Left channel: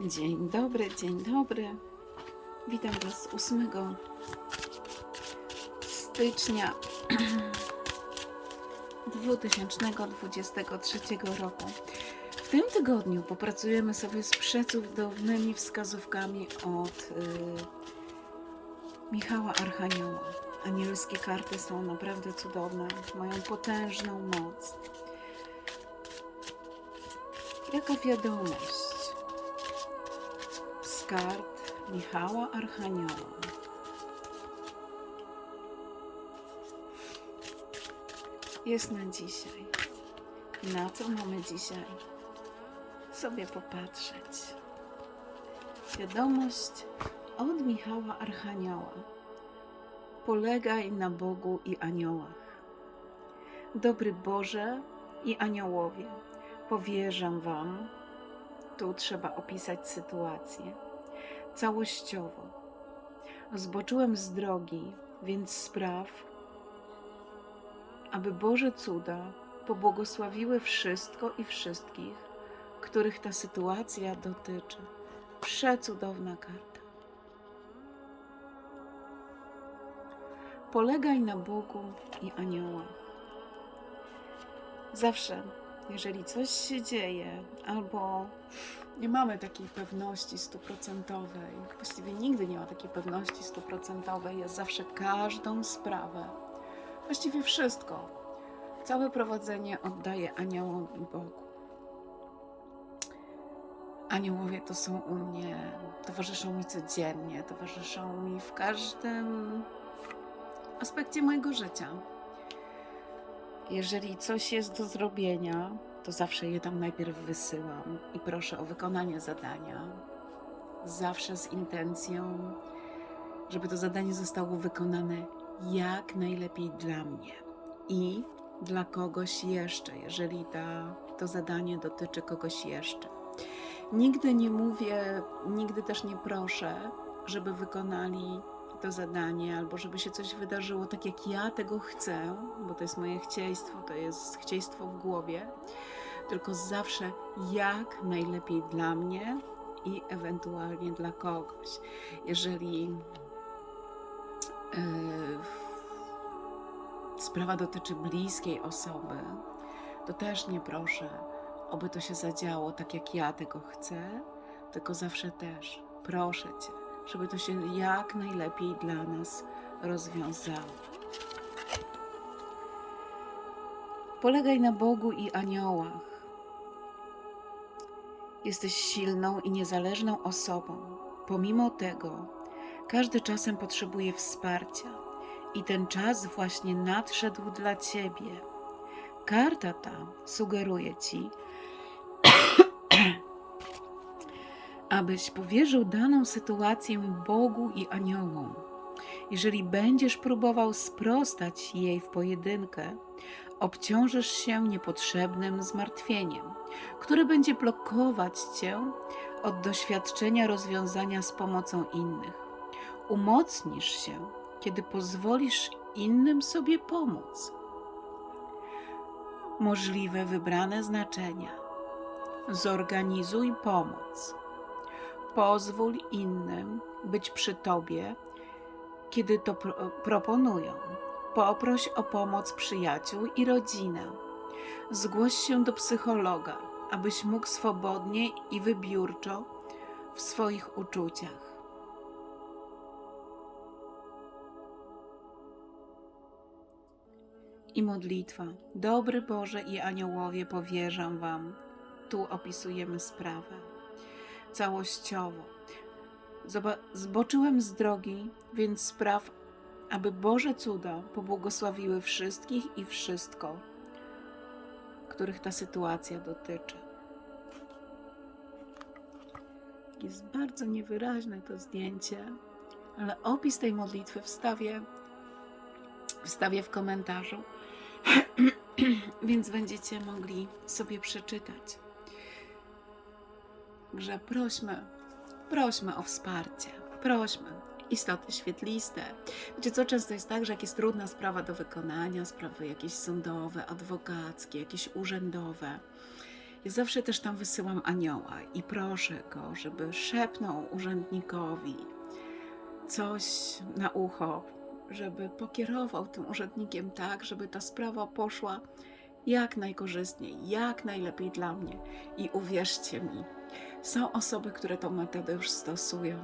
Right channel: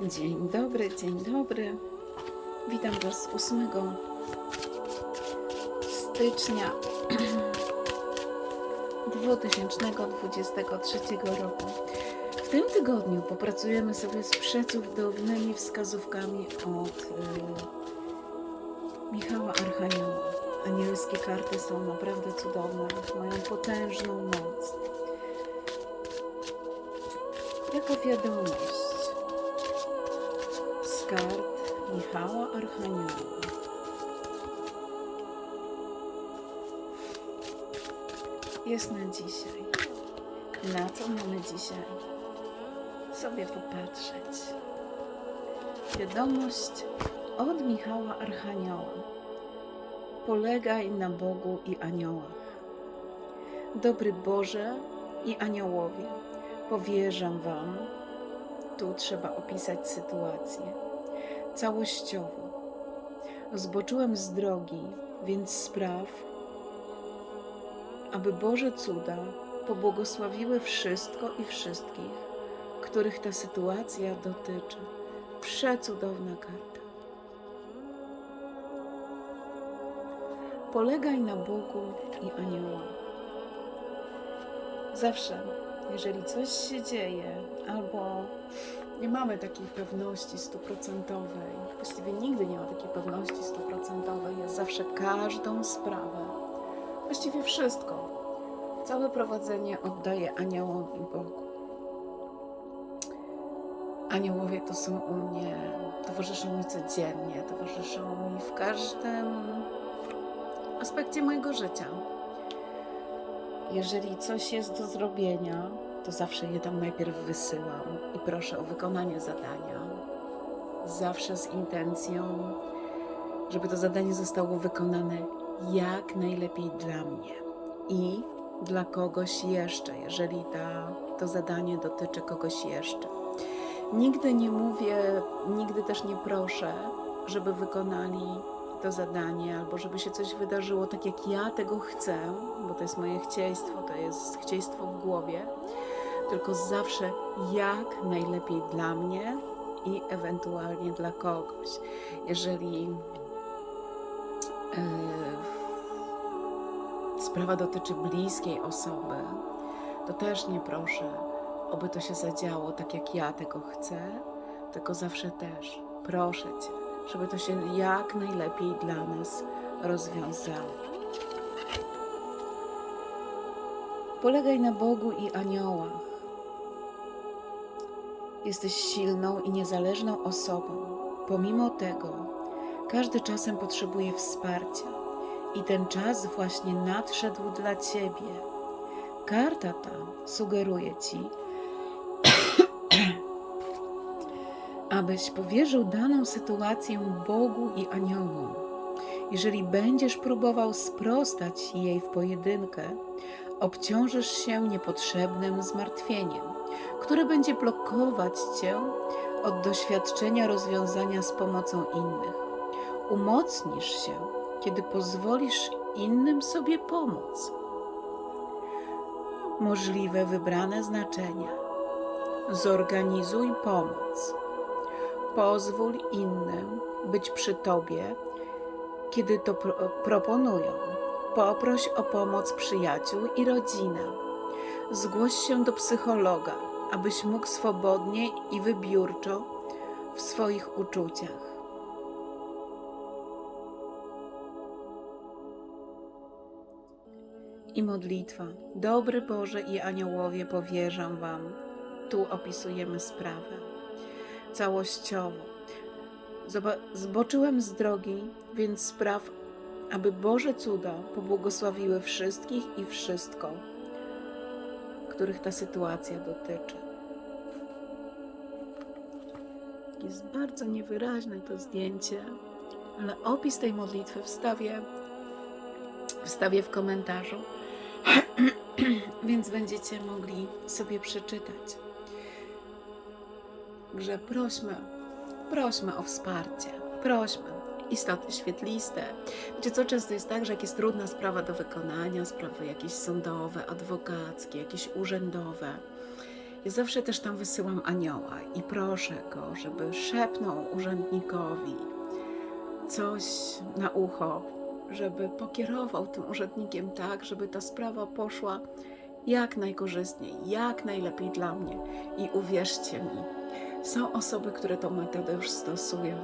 Dzień dobry, dzień dobry. Witam Was 8 stycznia 2023 roku. W tym tygodniu popracujemy sobie z przecudownymi wskazówkami od y, Michała Archanioła. Anielskie karty są naprawdę cudowne, mają potężną moc. Jaka wiadomość? Z kart Michała Archanioła. Jest na dzisiaj. Na co mamy dzisiaj? Sobie popatrzeć. Wiadomość od Michała Archanioła. Polegaj na Bogu i aniołach. Dobry Boże i aniołowie, powierzam Wam, tu trzeba opisać sytuację całościowo. Zboczyłem z drogi, więc spraw, aby Boże cuda pobłogosławiły wszystko i wszystkich, których ta sytuacja dotyczy. Przecudowna karta. Polegaj na Bogu i aniołach. Zawsze, jeżeli coś się dzieje, albo nie mamy takiej pewności stuprocentowej, właściwie nigdy nie ma takiej pewności stuprocentowej, jest zawsze każdą sprawę, właściwie wszystko, całe prowadzenie oddaję aniołom i Bogu. Aniołowie to są u mnie, towarzyszą mi codziennie, towarzyszą mi w każdym aspekcie mojego życia. Jeżeli coś jest do zrobienia, to zawsze je tam najpierw wysyłam i proszę o wykonanie zadania. Zawsze z intencją, żeby to zadanie zostało wykonane jak najlepiej dla mnie i dla kogoś jeszcze, jeżeli ta, to zadanie dotyczy kogoś jeszcze. Nigdy nie mówię, nigdy też nie proszę, żeby wykonali to zadanie, albo żeby się coś wydarzyło tak, jak ja tego chcę, bo to jest moje chcieństwo, to jest chcieństwo w głowie, tylko zawsze jak najlepiej dla mnie i ewentualnie dla kogoś. Jeżeli yy, sprawa dotyczy bliskiej osoby, to też nie proszę, oby to się zadziało tak, jak ja tego chcę, tylko zawsze też proszę Cię, żeby to się jak najlepiej dla nas rozwiązało. Polegaj na Bogu i aniołach. Jesteś silną i niezależną osobą. Pomimo tego, każdy czasem potrzebuje wsparcia i ten czas właśnie nadszedł dla ciebie. Karta ta sugeruje ci, abyś powierzył daną sytuację Bogu i aniołom. Jeżeli będziesz próbował sprostać jej w pojedynkę, obciążysz się niepotrzebnym zmartwieniem, które będzie blokować cię od doświadczenia rozwiązania z pomocą innych. Umocnisz się, kiedy pozwolisz innym sobie pomóc. Możliwe wybrane znaczenia. Zorganizuj pomoc. Pozwól innym być przy tobie, kiedy to pro proponują. Poproś o pomoc przyjaciół i rodzinę. Zgłoś się do psychologa, abyś mógł swobodnie i wybiórczo w swoich uczuciach. I modlitwa. Dobry Boże i aniołowie, powierzam Wam. Tu opisujemy sprawę całościowo. Zboczyłem z drogi, więc spraw, aby Boże cuda pobłogosławiły wszystkich i wszystko, których ta sytuacja dotyczy. Jest bardzo niewyraźne to zdjęcie, ale opis tej modlitwy wstawię, wstawię w komentarzu, więc będziecie mogli sobie przeczytać. Także prośmy, prośmy o wsparcie, prośmy. Istoty świetliste. Wiecie co, często jest tak, że jak jest trudna sprawa do wykonania, sprawy jakieś sądowe, adwokackie, jakieś urzędowe, Ja zawsze też tam wysyłam anioła i proszę go, żeby szepnął urzędnikowi coś na ucho, żeby pokierował tym urzędnikiem tak, żeby ta sprawa poszła jak najkorzystniej, jak najlepiej dla mnie. I uwierzcie mi, są osoby, które tą metodę już stosują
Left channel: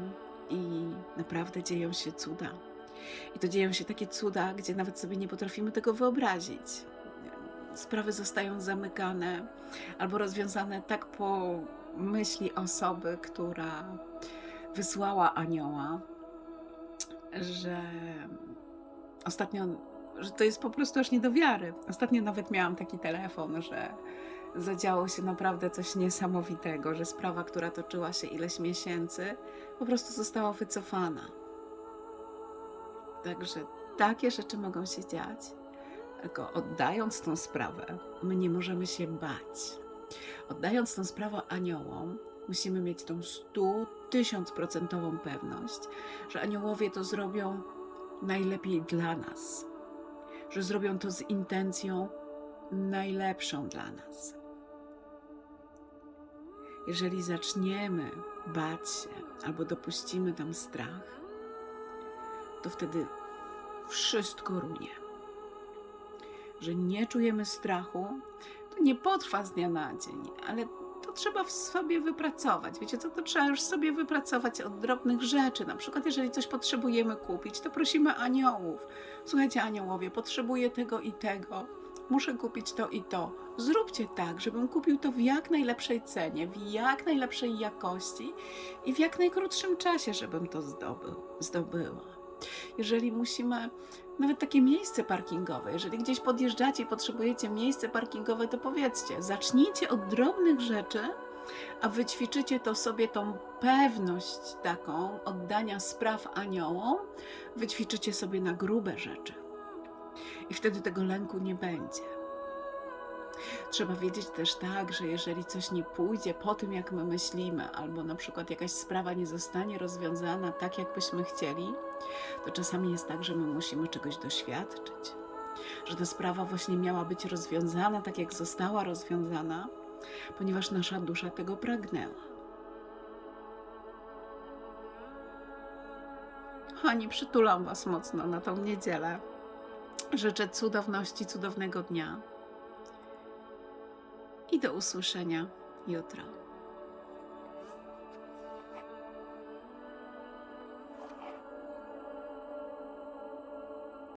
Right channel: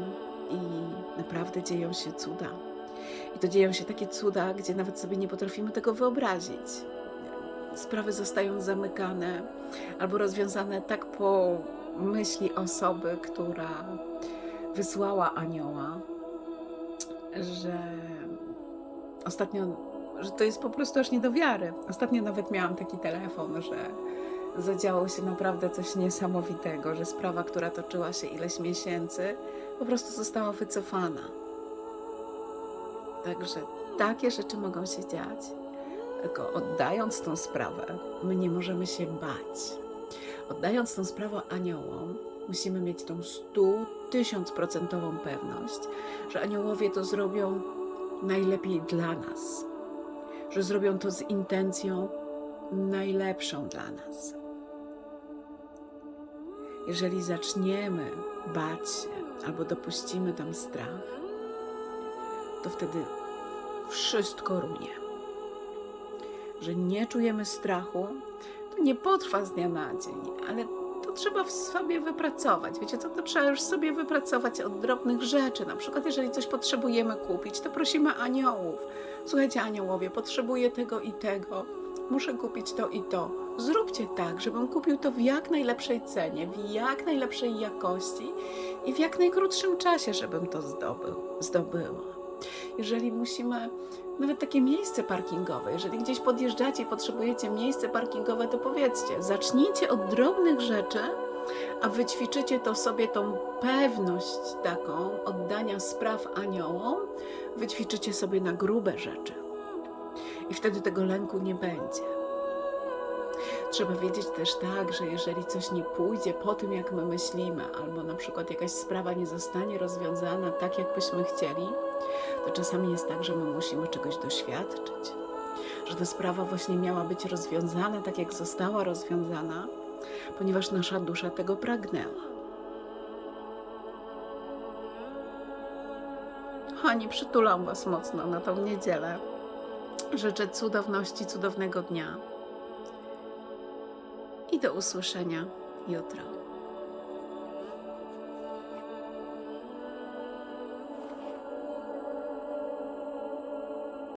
i naprawdę dzieją się cuda. I to dzieją się takie cuda, gdzie nawet sobie nie potrafimy tego wyobrazić. Sprawy zostają zamykane albo rozwiązane tak po myśli osoby, która wysłała anioła, że ostatnio, że to jest po prostu aż nie do wiary. Ostatnio nawet miałam taki telefon, że zadziało się naprawdę coś niesamowitego, że sprawa, która toczyła się ileś miesięcy, po prostu została wycofana. Także takie rzeczy mogą się dziać. Tylko oddając tą sprawę, my nie możemy się bać. Oddając tą sprawę aniołom, musimy mieć tą stu, tysiąc procentową pewność, że aniołowie to zrobią najlepiej dla nas, że zrobią to z intencją najlepszą dla nas. Jeżeli zaczniemy bać się albo dopuścimy tam strach, to wtedy wszystko runie. Że nie czujemy strachu, to nie potrwa z dnia na dzień, ale to trzeba w sobie wypracować. Wiecie co, to trzeba już sobie wypracować od drobnych rzeczy. Na przykład, jeżeli coś potrzebujemy kupić, to prosimy aniołów. Słuchajcie, aniołowie, potrzebuję tego i tego. Muszę kupić to i to. Zróbcie tak, żebym kupił to w jak najlepszej cenie, w jak najlepszej jakości i w jak najkrótszym czasie, żebym to zdobył, zdobyła. Jeżeli musimy nawet takie miejsce parkingowe. Jeżeli gdzieś podjeżdżacie i potrzebujecie miejsce parkingowe, to powiedzcie, zacznijcie od drobnych rzeczy, a wyćwiczycie to sobie tą pewność taką oddania spraw aniołom, wyćwiczycie sobie na grube rzeczy. I wtedy tego lęku nie będzie. Trzeba wiedzieć też tak, że jeżeli coś nie pójdzie po tym, jak my myślimy, albo na przykład jakaś sprawa nie zostanie rozwiązana tak, jakbyśmy chcieli, to czasami jest tak, że my musimy czegoś doświadczyć. Że ta sprawa właśnie miała być rozwiązana tak, jak została rozwiązana, ponieważ nasza dusza tego pragnęła. Kochani, przytulam Was mocno na tą niedzielę. Życzę cudowności, cudownego dnia i do usłyszenia jutro.